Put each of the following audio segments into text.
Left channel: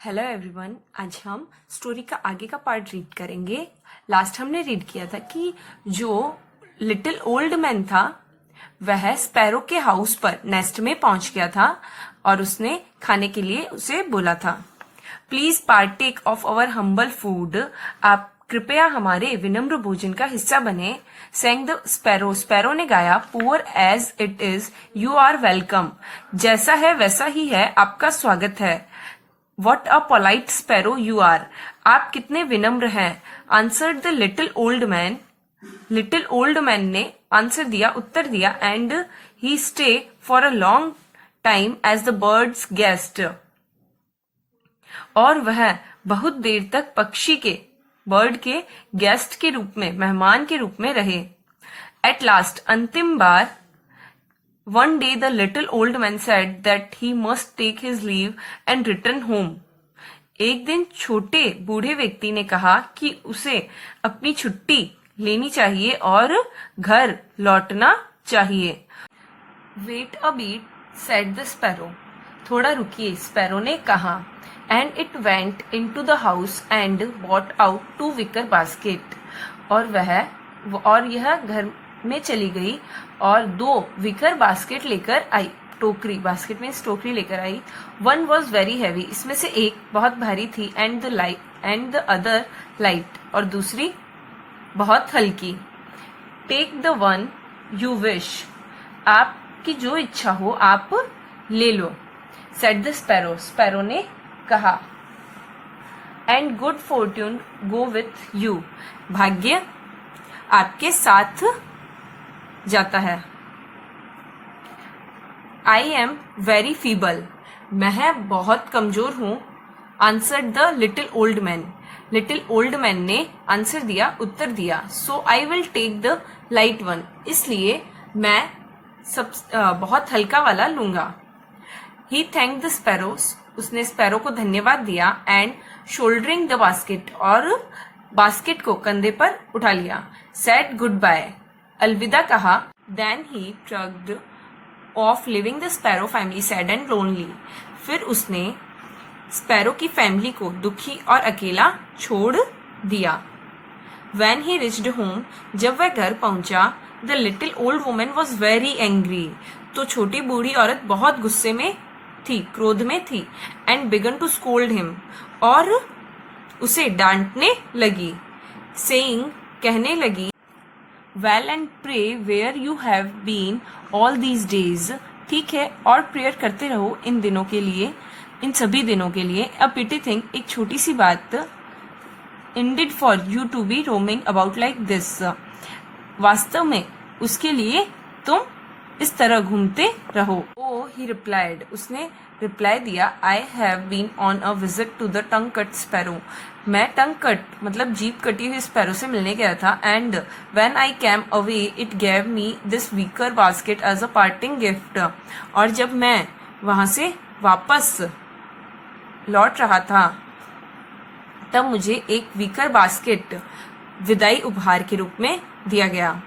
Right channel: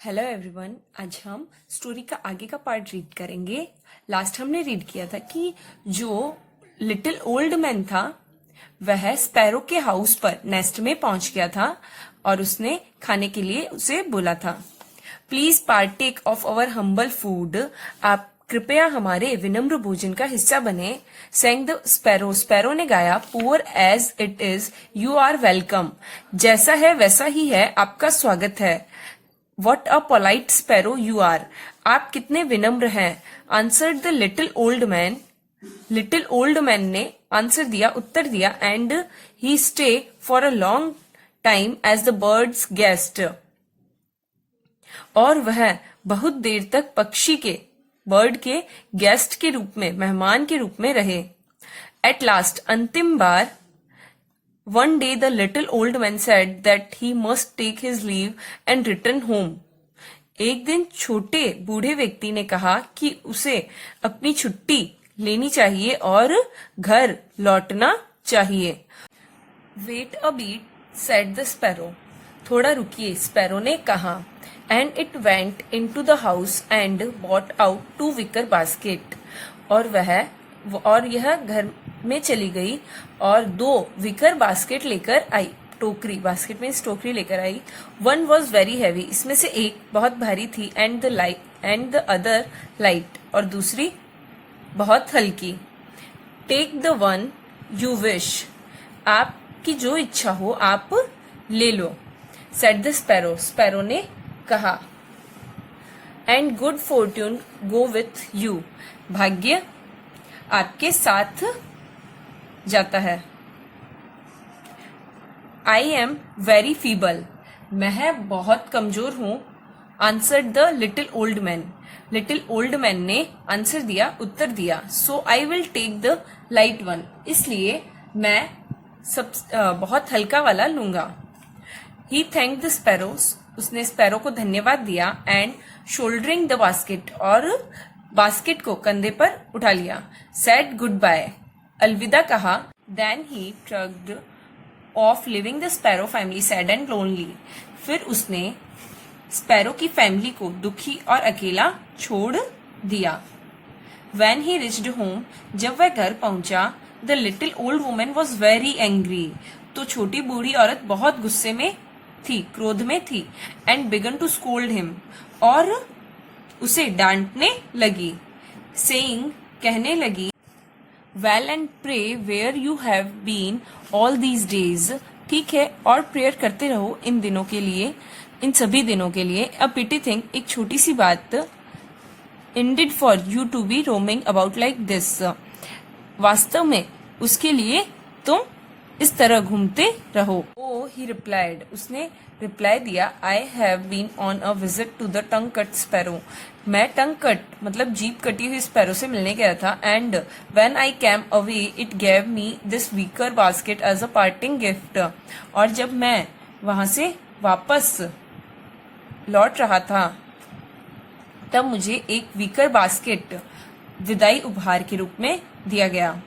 Hello everyone, आज हम story का आगे का पार्ट रीड करेंगे। लास्ट हमने रीड किया था कि जो लिटिल ओल्ड मैन था वह स्पैरो के हाउस पर नेस्ट में पहुंच गया था और उसने खाने के लिए उसे बोला था, please partake of our humble food. आप कृपया हमारे विनम्र भोजन का हिस्सा बने। सेंग द स्पैरो, स्पैरो ने गाया, poor as it is you are welcome. जैसा है वैसा ही है, आपका स्वागत है। What a polite sparrow you are, आप कितने विनम्र हैं। Answered the little old man, little old man ने आंसर दिया, उत्तर दिया। And he stay for a long time as the bird's guest, और वह बहुत देर तक पक्षी के, बर्ड के गेस्ट के रूप में, मेहमान के रूप में रहे। एट लास्ट, अंतिम बार, one day the little old man said that he must take his leave and return home. एक दिन छोटे बूढ़े व्यक्ति ने कहा कि उसे अपनी छुट्टी लेनी चाहिए और घर लौटना चाहिए। Wait a bit, said the sparrow. थोड़ा रुकिए, स्पैरो ने कहा। And it went into the house and brought out 2 wicker basket. और यह घर में चली गई और 2 विकर बास्केट लेकर आई। टोकरी, बास्केट में टोकरी लेकर आई। वन वॉज वेरी हैवी, इसमें से एक बहुत भारी थी। एंड द अदर लाइट, और दूसरी बहुत हल्की। Take the one you wish, आपकी जो इच्छा हो आप ले लो। सेड द स्पैरो, स्पैरो ने कहा। And good fortune go with you, भाग्य आपके साथ जाता है। आई एम वेरी फीबल, मैं बहुत कमजोर हूं। Answered the little old man, little old man ने आंसर दिया, उत्तर दिया। So I will take the light one, इसलिए मैं बहुत हल्का वाला लूंगा। ही थैंक द स्पैरोस, उसने स्पैरो को धन्यवाद दिया। एंड शोल्डरिंग द बास्केट, और बास्केट को कंधे पर उठा लिया। सेड गुड बाय, अलविदा कहा। Then he trudged off leaving the sparrow family sad and lonely, फिर उसने स्पैरो की फैमिली को दुखी और अकेला छोड़ दिया। When he reached home, जब वह घर पहुंचा, the little old woman was very angry, तो छोटी बूढ़ी औरत बहुत गुस्से में थी, क्रोध में थी। And began to scold him, और उसे डांटने लगी। सेइंग, कहने लगी, well and pray where you have been all these days, ठीक है और प्रेयर करते रहो इन दिनों के लिए, इन सभी दिनों के लिए। अ पिटी थिंग, एक छोटी सी बात। Indeed for you to be roaming about like this, वास्तव में उसके लिए तुम इस तरह घूमते रहो। ओ ही रिप्लाइड, उसने रिप्लाई दिया, I have been on a visit to the tongue cut sparrow, मैं टंग कट मतलब जीभ कटी हुई स्पैरो से मिलने गया था। And when I came away it gave me this wicker basket as a parting gift, और जब मैं वहां से वापस लौट रहा था तब मुझे एक वीकर बास्केट विदाई उपहार के रूप में दिया गया।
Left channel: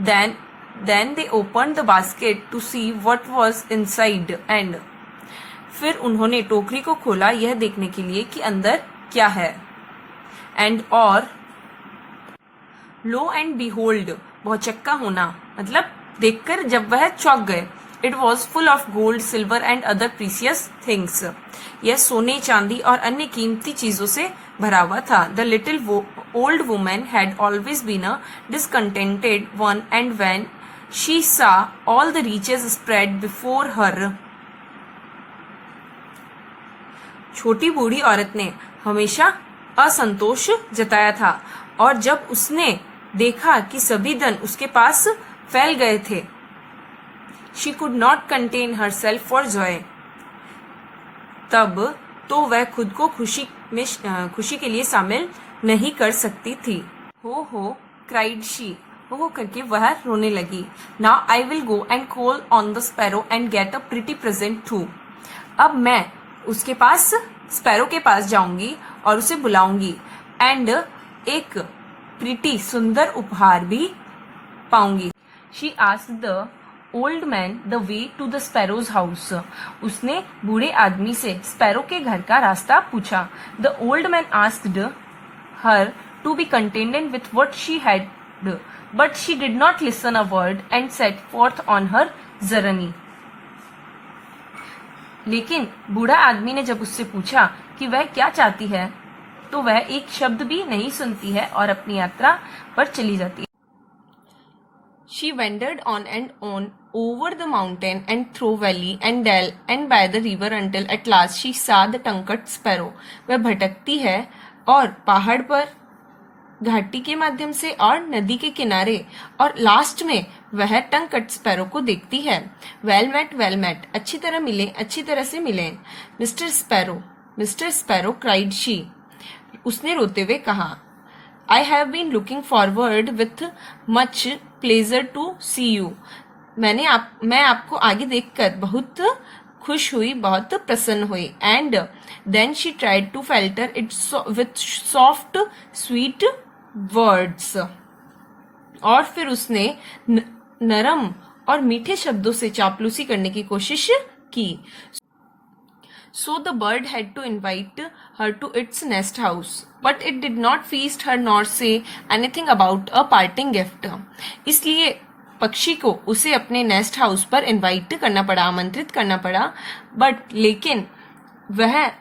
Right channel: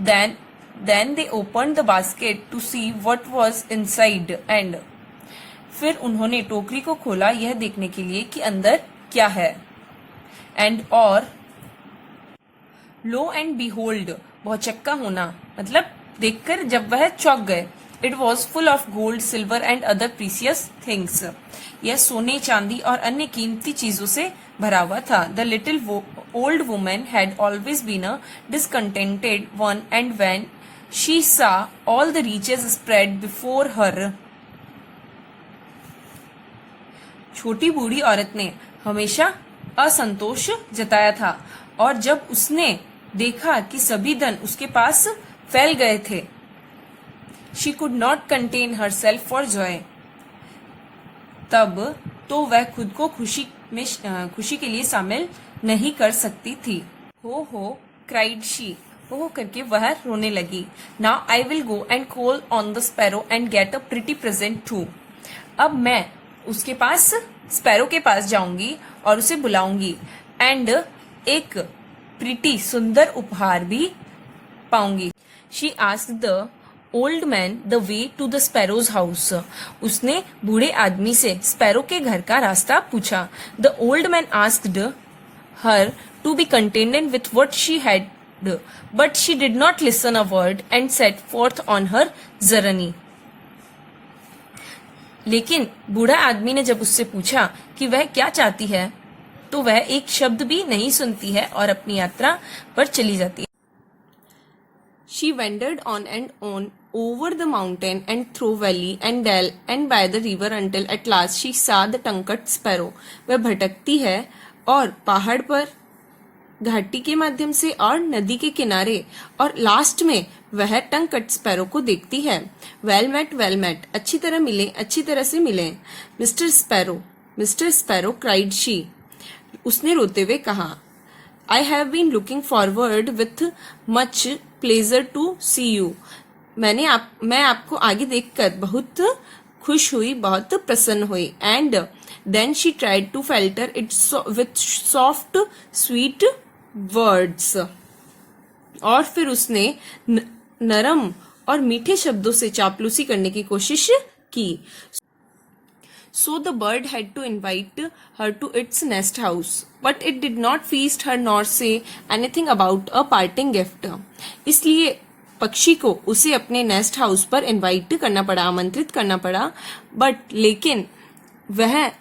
Then they open the basket to see what was inside, एंड फिर उन्होंने टोकरी को खोला यह देखने के लिए कि अंदर क्या है। एंड और लो एंड बीहोल्ड, बहुचक्का होना मतलब देखकर जब वह चौंक गए। It was full of gold, silver and other precious things, यह सोने, चांदी और अन्य कीमती चीजों से भरा हुआ था। The little old woman had always been a discontented one, and when she saw all the riches spread before her, छोटी बूढ़ी औरत ने हमेशा असंतोष जताया था, और जब उसने देखा कि सभी धन उसके पास फैल गए थे, she could not contain her self for Joy, तब तो वह खुद को खुशी के लिए शामिल नहीं कर सकती थी। हो क्राइड शी, हो करके वह रोने लगी। Now I will go and call on the sparrow and get a pretty present too, अब मैं उसके पास, स्पैरो के पास जाऊंगी और उसे बुलाऊंगी, एंड एक प्रिटी सुंदर उपहार भी पाऊंगी। She asked the old man the way to the sparrow's house. उसने बूढ़े आदमी से स्पैरो के घर का रास्ता पूछा। The old man asked her to be contented with what she had, but she did not listen a word and set forth on her journey. लेकिन बूढ़ा आदमी ने जब उससे पूछा कि वह क्या चाहती है, तो वह एक शब्द भी नहीं सुनती है और अपनी यात्रा पर चली जाती है। She wandered on and on over the mountain and through valley and dell and by the river until at last she saw the tongued sparrow। वह भटकती है और पहाड़ पर, घाटी के माध्यम से और नदी के किनारे, और लास्ट में वह टंग कट स्पैरो को देखती है। वेल मेट, अच्छी तरह मिले, अच्छी तरह से मिले। मिस्टर स्पैरो क्राइड शी, उसने रोते हुए कहा। I have been looking forward with much pleasure to see you. मैं आपको आगे देखकर बहुत खुश हुई, बहुत प्रसन्न हुई। And then she tried to flatter it with soft sweet words, और फिर उसने नरम और मीठे शब्दों से चापलूसी करने की कोशिश की। So the bird had to invite her to its nest house, but it did not feast her nor say anything about a parting gift। इसलिए पक्षी को उसे अपने नेस्ट हाउस पर इनवाइट करना पड़ा, आमंत्रित करना पड़ा, लेकिन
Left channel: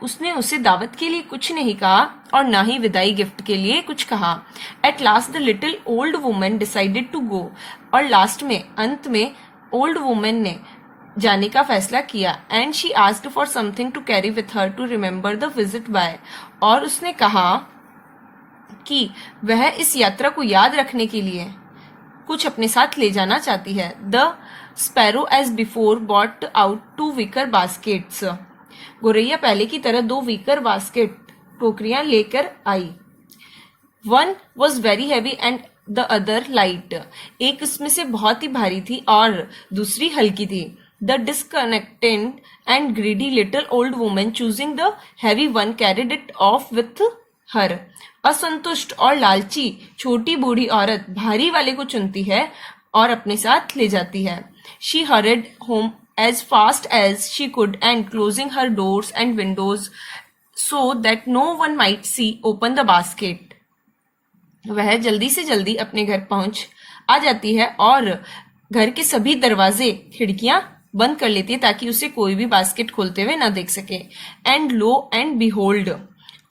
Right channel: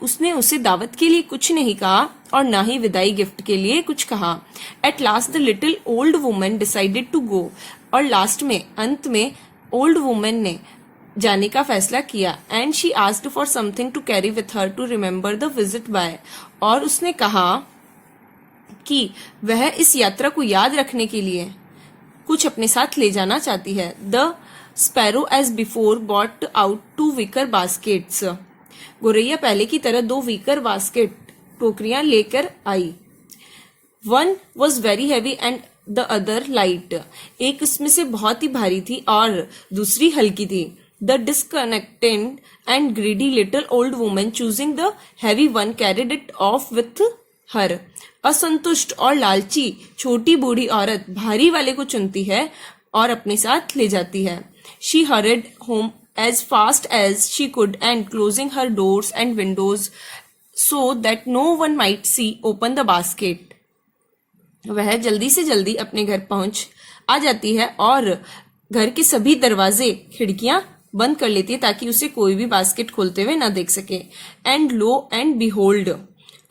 उसने उसे दावत के लिए कुछ नहीं कहा और ना ही विदाई गिफ्ट के लिए कुछ कहा। At last the little old woman decided to go, और लास्ट में, अंत में ओल्ड वुमन ने जाने का फैसला किया। And she asked for something to carry with her to remember the visit by, और उसने कहा कि वह इस यात्रा को याद रखने के लिए कुछ अपने साथ ले जाना चाहती है। The sparrow as before brought out 2 wicker baskets. गोरैया पहले की तरह 2 wicker बास्केट, टोकरियां लेकर आई। One was very heavy and the other light. एक उसमें से बहुत ही भारी थी और दूसरी हल्की थी। The disconnected and greedy little old woman choosing the heavy one carried it off with her। असंतुष्ट और लालची छोटी बूढ़ी औरत भारी वाले को चुनती है और अपने साथ ले जाती है। She hurried home as fast as she could and closing her doors and windows so that no one might see open the basket। वह जल्दी से जल्दी अपने घर पहुंच आ जाती है और घर के सभी दरवाजे, खिड़कियां बंद कर लेती है ताकि उसे कोई भी बास्केट खोलते हुए ना देख सके। एंड लो एंड बिहोल्ड,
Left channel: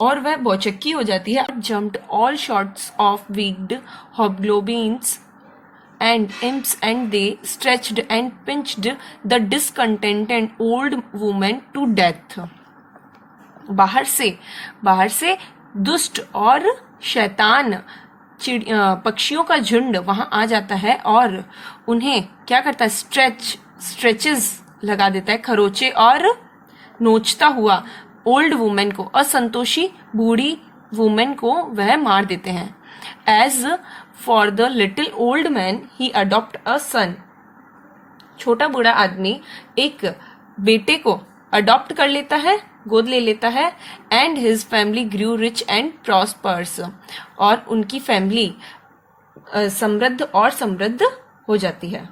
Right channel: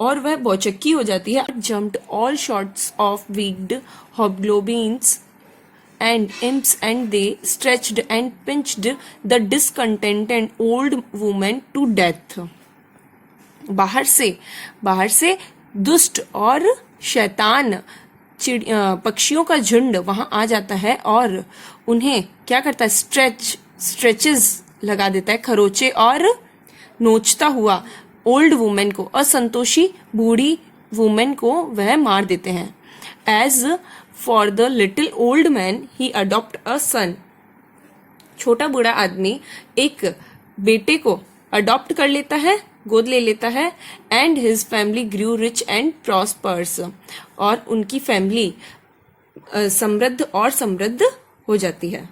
और वह बौचक्की हो जाती है। Jumped all sorts of wicked hobgoblins and imps and they stretched and pinched the discontented old woman to death। बाहर से दुष्ट और शैतान पक्षियों का झुंड वहां आ जाता है और उन्हें क्या करता है, स्ट्रेचेस लगा देता है, खरोचे, और नोचता हुआ ओल्ड वुमेन को, असंतोषी बूढ़ी वुमेन को वह मार देते हैं। As for the little old man he adopt a son. छोटा बूढ़ा आदमी एक बेटे को अडॉप्ट कर लेता है, गोद ले लेता है। And his family grew rich and prosperous, और उनकी फैमिली समृद्ध हो जाती है।